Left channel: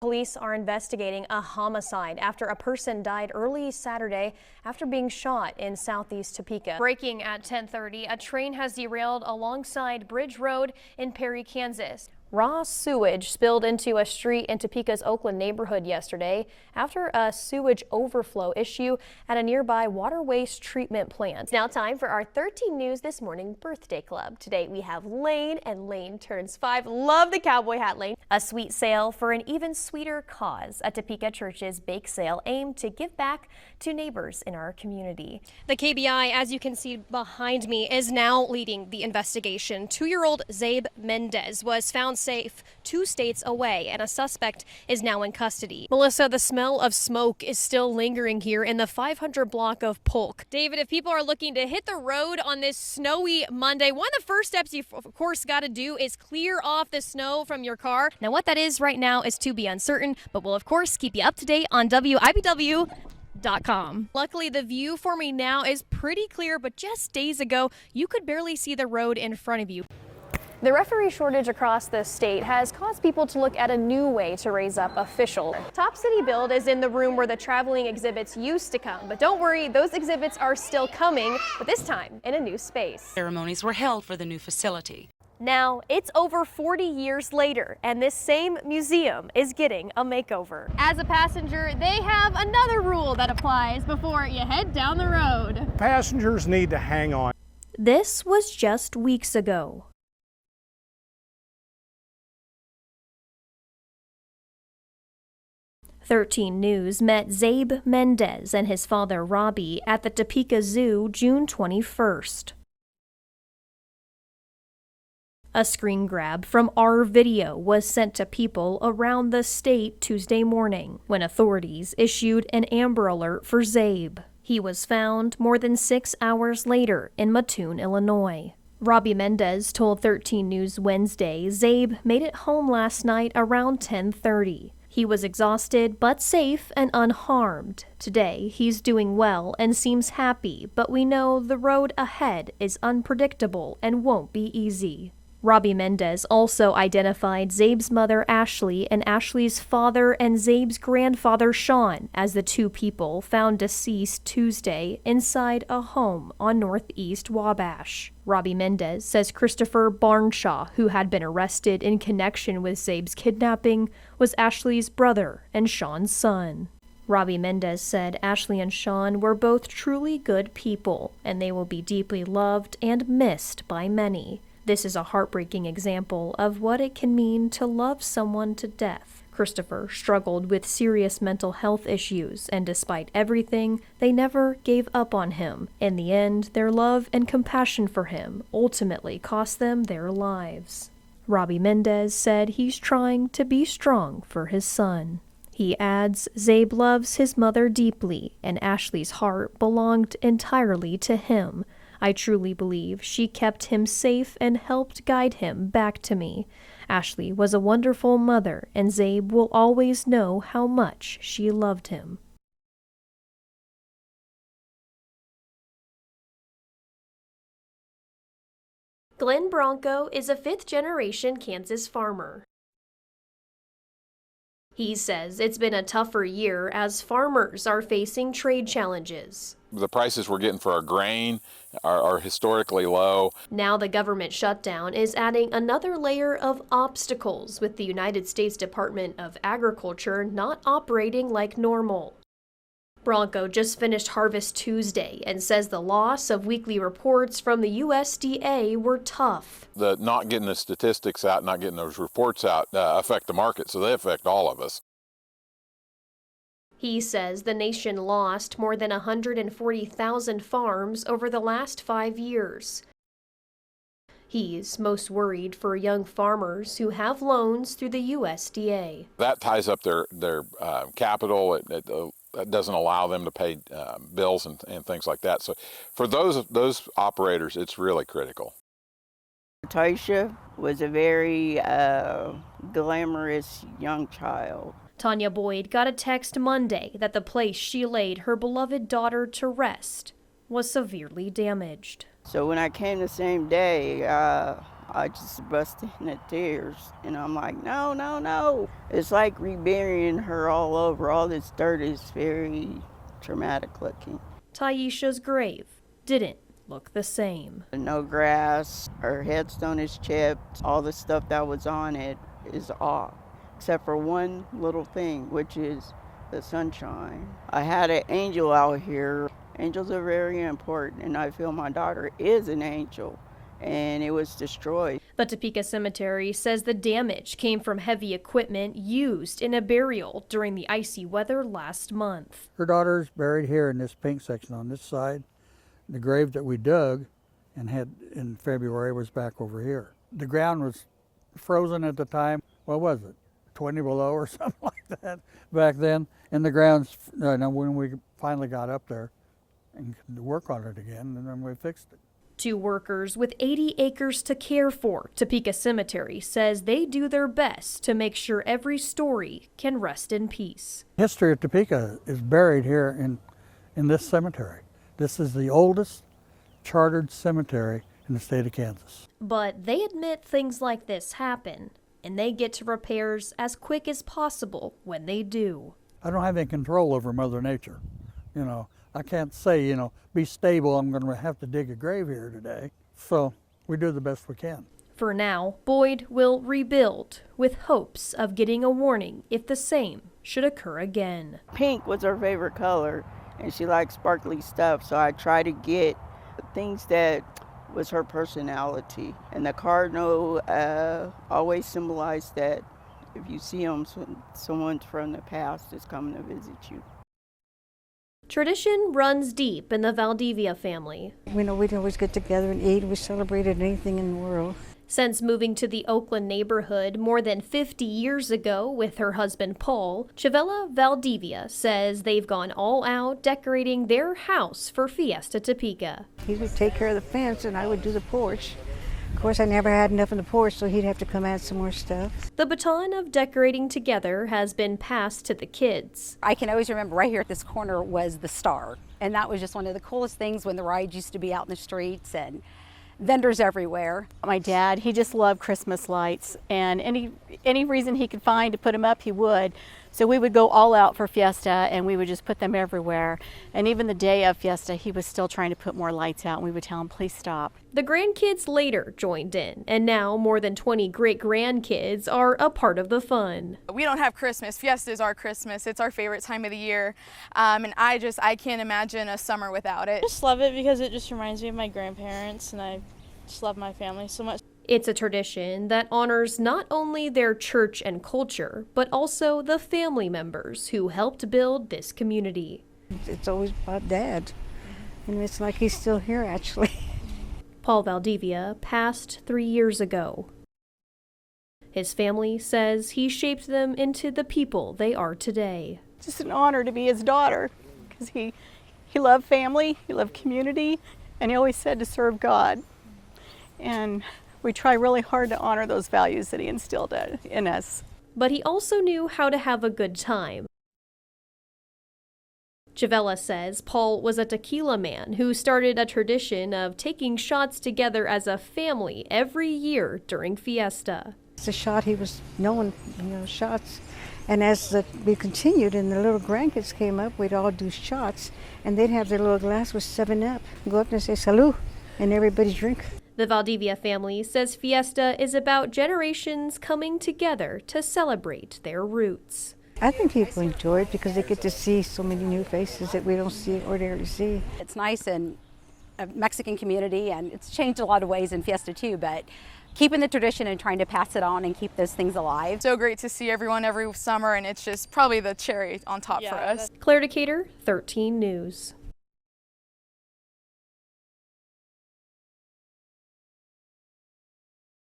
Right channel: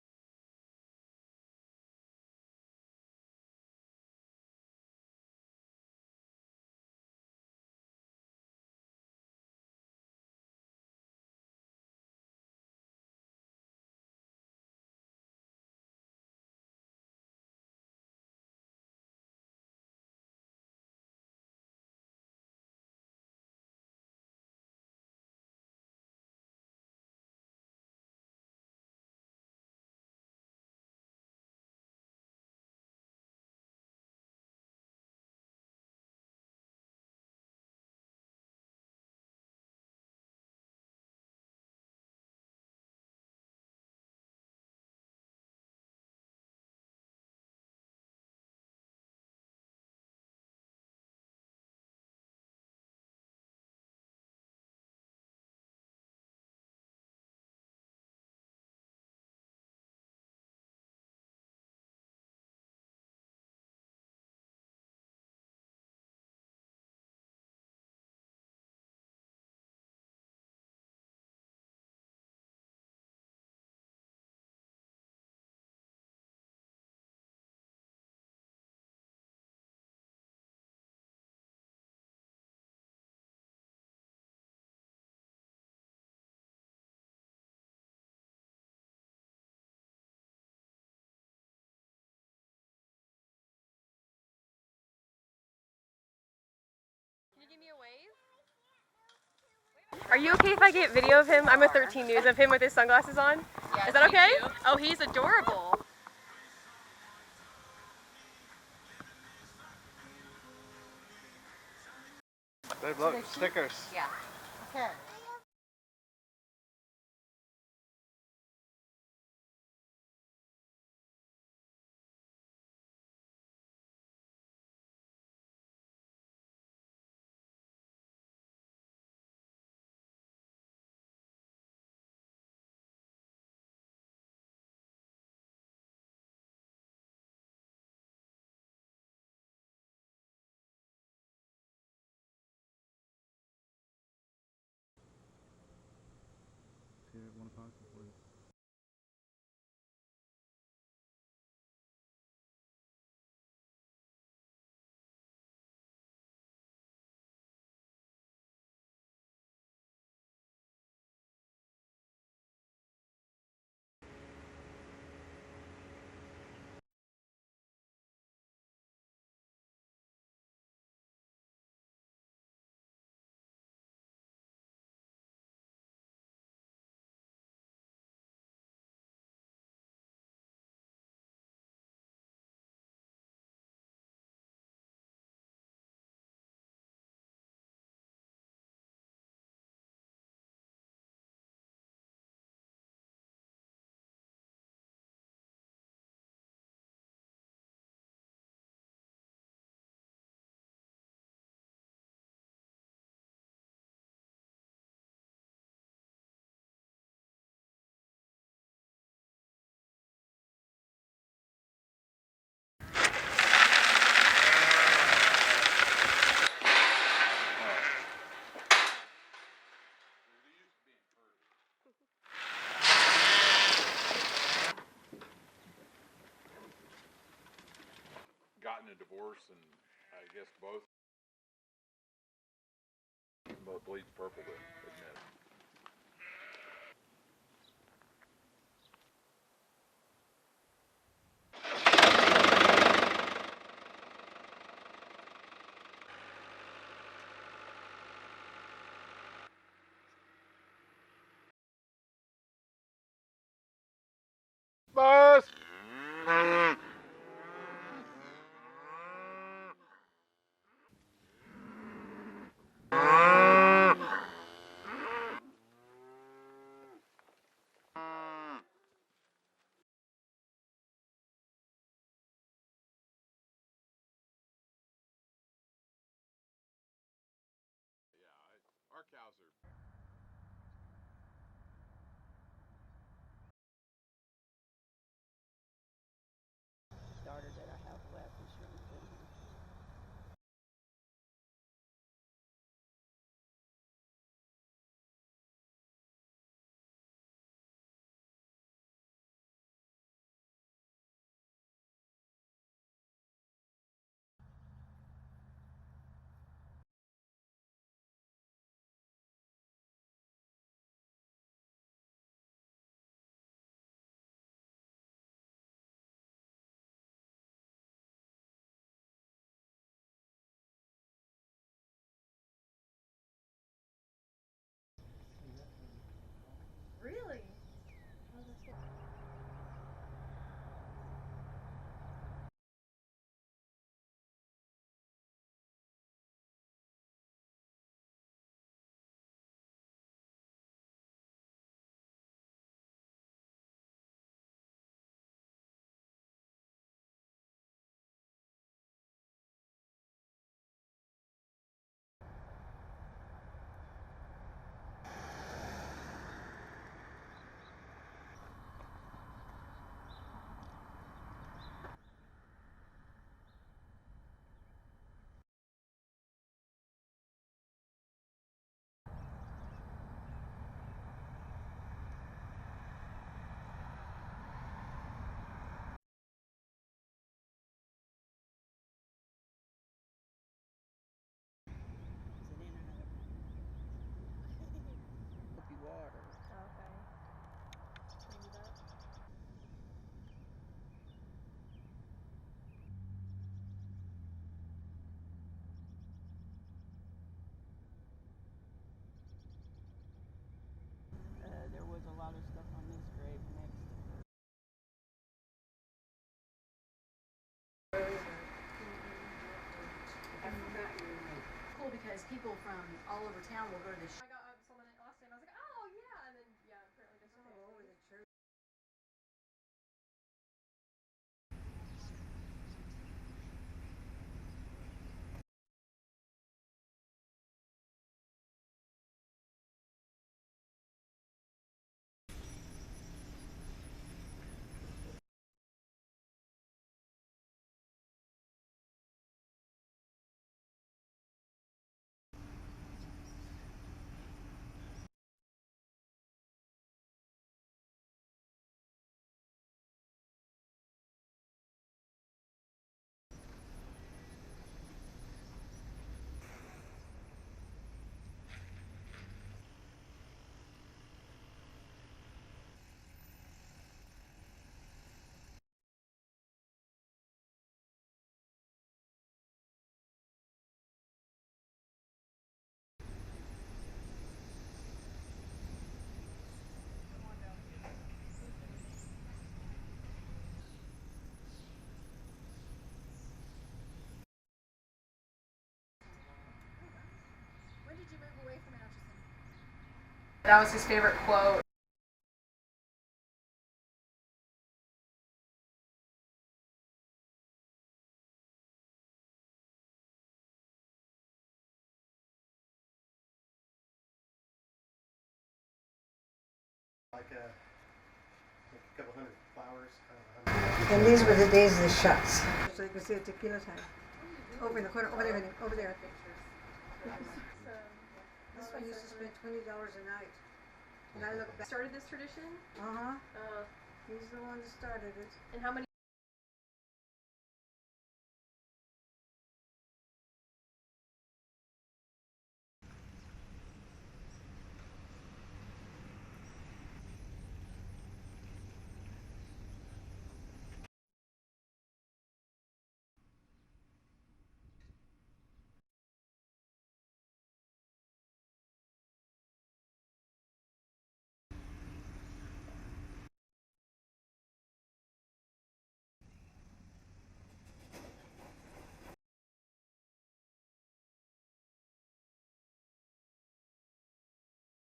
Police are investigating a homicide after a person died early Saturday after being shot in southeast Topeka. Breaking at 10:30, a train has derailed alongside Bridge Road in Perry, Kansas. Raw sewage spilled into a street in Topeka's Oakland neighborhood yesterday after a sewage overflow issue at a nearby water waste treatment plant. It's now time for our 13 News This Morning Birthday Club. Today we have Lane, and Lane turns 5. Love the cowboy hat, Lane. A sweet sale for an even sweeter cause. A Topeka Church's bake sale aimed to give back to neighbors in our community. The KBI, as you can see behind me, is now leading the investigation. 2-year-old Zabe Mendez was found safe 2 states away, and a suspect is now in custody. Melissa, the smell of smoke is still lingering here in the 500 block of Polk. David, if people are looking to hit the road on this snowy Monday, one of the first steps you of course got to do is clear off the snow from your car. Now what that is right now is to be uncertain, but we'll of course keep you up to date on WIBW.com. Luckily, the view for me now is pretty clear, but just days ago, you could barely see the road in front of you. The referee shortage across the state has caused people to look at a new way to raise up officials. Top City Build is in the room where the traveling exhibits used to come, but don't worry, those exhibits are still coming, but this time in a new space. Ceremonies were held for the new facility. Now, it's over 40 years later, and this same museum is getting a makeover. As a passenger, they have another rule that applies before you head down the road. Passengers need to hang on. This was just weeks ago. Are you okay if I get video of him? I'm a 13 News of him with his sunglasses on. Is that okay? Oh, he's adorable. 13 News met Zabe Mendez and his father Robbie at the Topeka Zoo June 21st. Look, stickers. Yeah. Okay. A screen grab from our video was sent to people around the state Tuesday morning when authorities issued an Amber Alert for Zabe. He was found more than 6 hours later in Mattoon, Illinois. Robbie Mendez told 13 News Wednesday Zabe made it home last night around 10:30. He was exhausted but safe and unharmed. Today, he's doing well and seems happy, but we know the road ahead is unpredictable and won't be easy. Robbie Mendez also identified Zabe's mother Ashley and Ashley's father and Zabe's grandfather Sean as the 2 people found deceased Tuesday inside a home on Northeast Wabash. Robbie Mendez says Christopher Barnshaw, who had been arrested in connection with Zabe's kidnapping, was Ashley's brother and Sean's son. Robbie Mendez said Ashley and Sean were both truly good people, and they will be deeply loved and missed by many. This is a heartbreaking example of what it can mean to love someone to death. Christopher struggled with serious mental health issues, and despite everything, they never gave up on him. In the end, their love and compassion for him ultimately cost them their lives. Robbie Mendez said he's trying to be strong for his son. He adds, Zabe loves his mother deeply, and Ashley's heart belonged entirely to him. I truly believe she kept him safe and helped guide him back to me. Ashley was a wonderful mother, and Zabe will always know how much she loved him. Glenn Bronco is a 5th-generation Kansas farmer. He says it's been a tougher year as farmers are facing trade challenges. The prices we're getting for our grain are historically low. Now the government shutdown is adding another layer of obstacles, with the United States Department of Agriculture not operating like normal. Bronco just finished Harvest Tuesday and says the loss of weekly reports from the USDA were tough. The not getting the statistics out, not getting those reports out affect the market, so they affect all of us. He says the nation lost more than 140,000 farms over the last 5 years. He's most worried for young farmers who have loans through the USDA. That ties up their capital. It doesn't allow them to pay bills and things like that. So for those operators, it's really critical. Tasha was a very glamorous young child. Tanya Boyd got a text Monday that the place she laid her beloved daughter to rest was severely damaged. So when I came the same day, I just busted into tears, and I'm like, no, no, no. It's like reburying her all over. All this dirt is very traumatic looking. Taisha's grave didn't look the same. No grass, her headstone is chipped. All the stuff that was on it is off, except for one little thing, which is the sunshine. I had an angel out here. Angels are very important, and I feel my daughter is an angel, and it was destroyed. But Topeka Cemetery says the damage came from heavy equipment used in a burial during the icy weather last month. Her daughter's buried here in this pink section on this side. The grave that we dug and had in February was back over here. The ground was frozen at the time. What was it? 20 below or something like that back then. And the ground's, when we finally got up there and could work on it again, and then we fixed it. 2 workers with 80 acres to care for, Topeka Cemetery says they do their best to make sure every story can rest in peace. History of Topeka is buried here in this cemetery. This is the oldest chartered cemetery in the state of Kansas. But they admit things like this happen, and they get to repairs as quick as possible when they do. I don't have any control over Mother Nature. I can't say, be stable, I'm going to have to dig a grave here today. So we do the best we can. For now, Boyd will rebuild with hopes of getting a warning if the same should occur again. Pink was her favorite color, and she liked sparkly stuff, so I try to get things that was her personality. And the cardinal always symbolized that if you see them, someone from the past is coming to visit you. Tradition runs deep in the Valdivia family. We'd always get together and eat. We celebrated anything in the world. Since moving to the Oakland neighborhood more than 50 years ago with her husband Paul, Chavella Valdivia says they've gone all out decorating their house for Fiesta Topeka. He would take care of the fence and I would do the porch. Of course, I never had enough in the porch, so he'd have to come add some more stuff. The baton of decorating together has been passed to the kids. I can always remember right here at this corner was the star. And that was just one of the coolest things when the rides used to be out in the streets and vendors everywhere. My dad, he just loved Christmas lights, and any reason he could find to put them up, he would. So we would go all out for Fiesta, and we would just put them everywhere. And even the day of Fiesta, he was still trying to put more lights out, and we would tell him, please stop. The grandkids later joined in, and now more than 20 great-grandkids are a part of the fun. We don't have Christmas. Fiesta is our Christmas. It's our favorite time of the year, and I can't imagine a summer without it. I just love it because it just reminds me of my grandparents, and I just love my family so much. It's a tradition that honors not only their church and culture, but also the family members who helped build this community. It's always about Dad, and it's like he's still here, actually. Paul Valdivia passed 3 years ago. That was his favorite quote. His family says he shaped them into the people they are today. It's just an honor to be his daughter, because he loved family, he loved community, and he always said to serve God. And we try really hard to honor those values that he instilled in us. But he also knew how to have a good time. And these were the days of the shots. Chavella says Paul was a tequila man who started a tradition of taking shots together as a family every year during Fiesta. It's a shot he was known, shots. And as we continued and the little grandkids came up, we'd all do shots, and they'd have their little glass with 7-Up, go up and say salud, and everybody drink. The Valdivia family says Fiesta is about generations coming together to celebrate their roots. I think people enjoy it because they get to see so many new faces that we don't ordinarily see. It's nice in a Mexican community, and it's changed a lot of ways in Fiesta too, but keeping the tradition and trying to pass it on and keep those things alive. So great to see everyone every summer, and it's just probably the cherry on top for us. Claire Decatur, 13 News.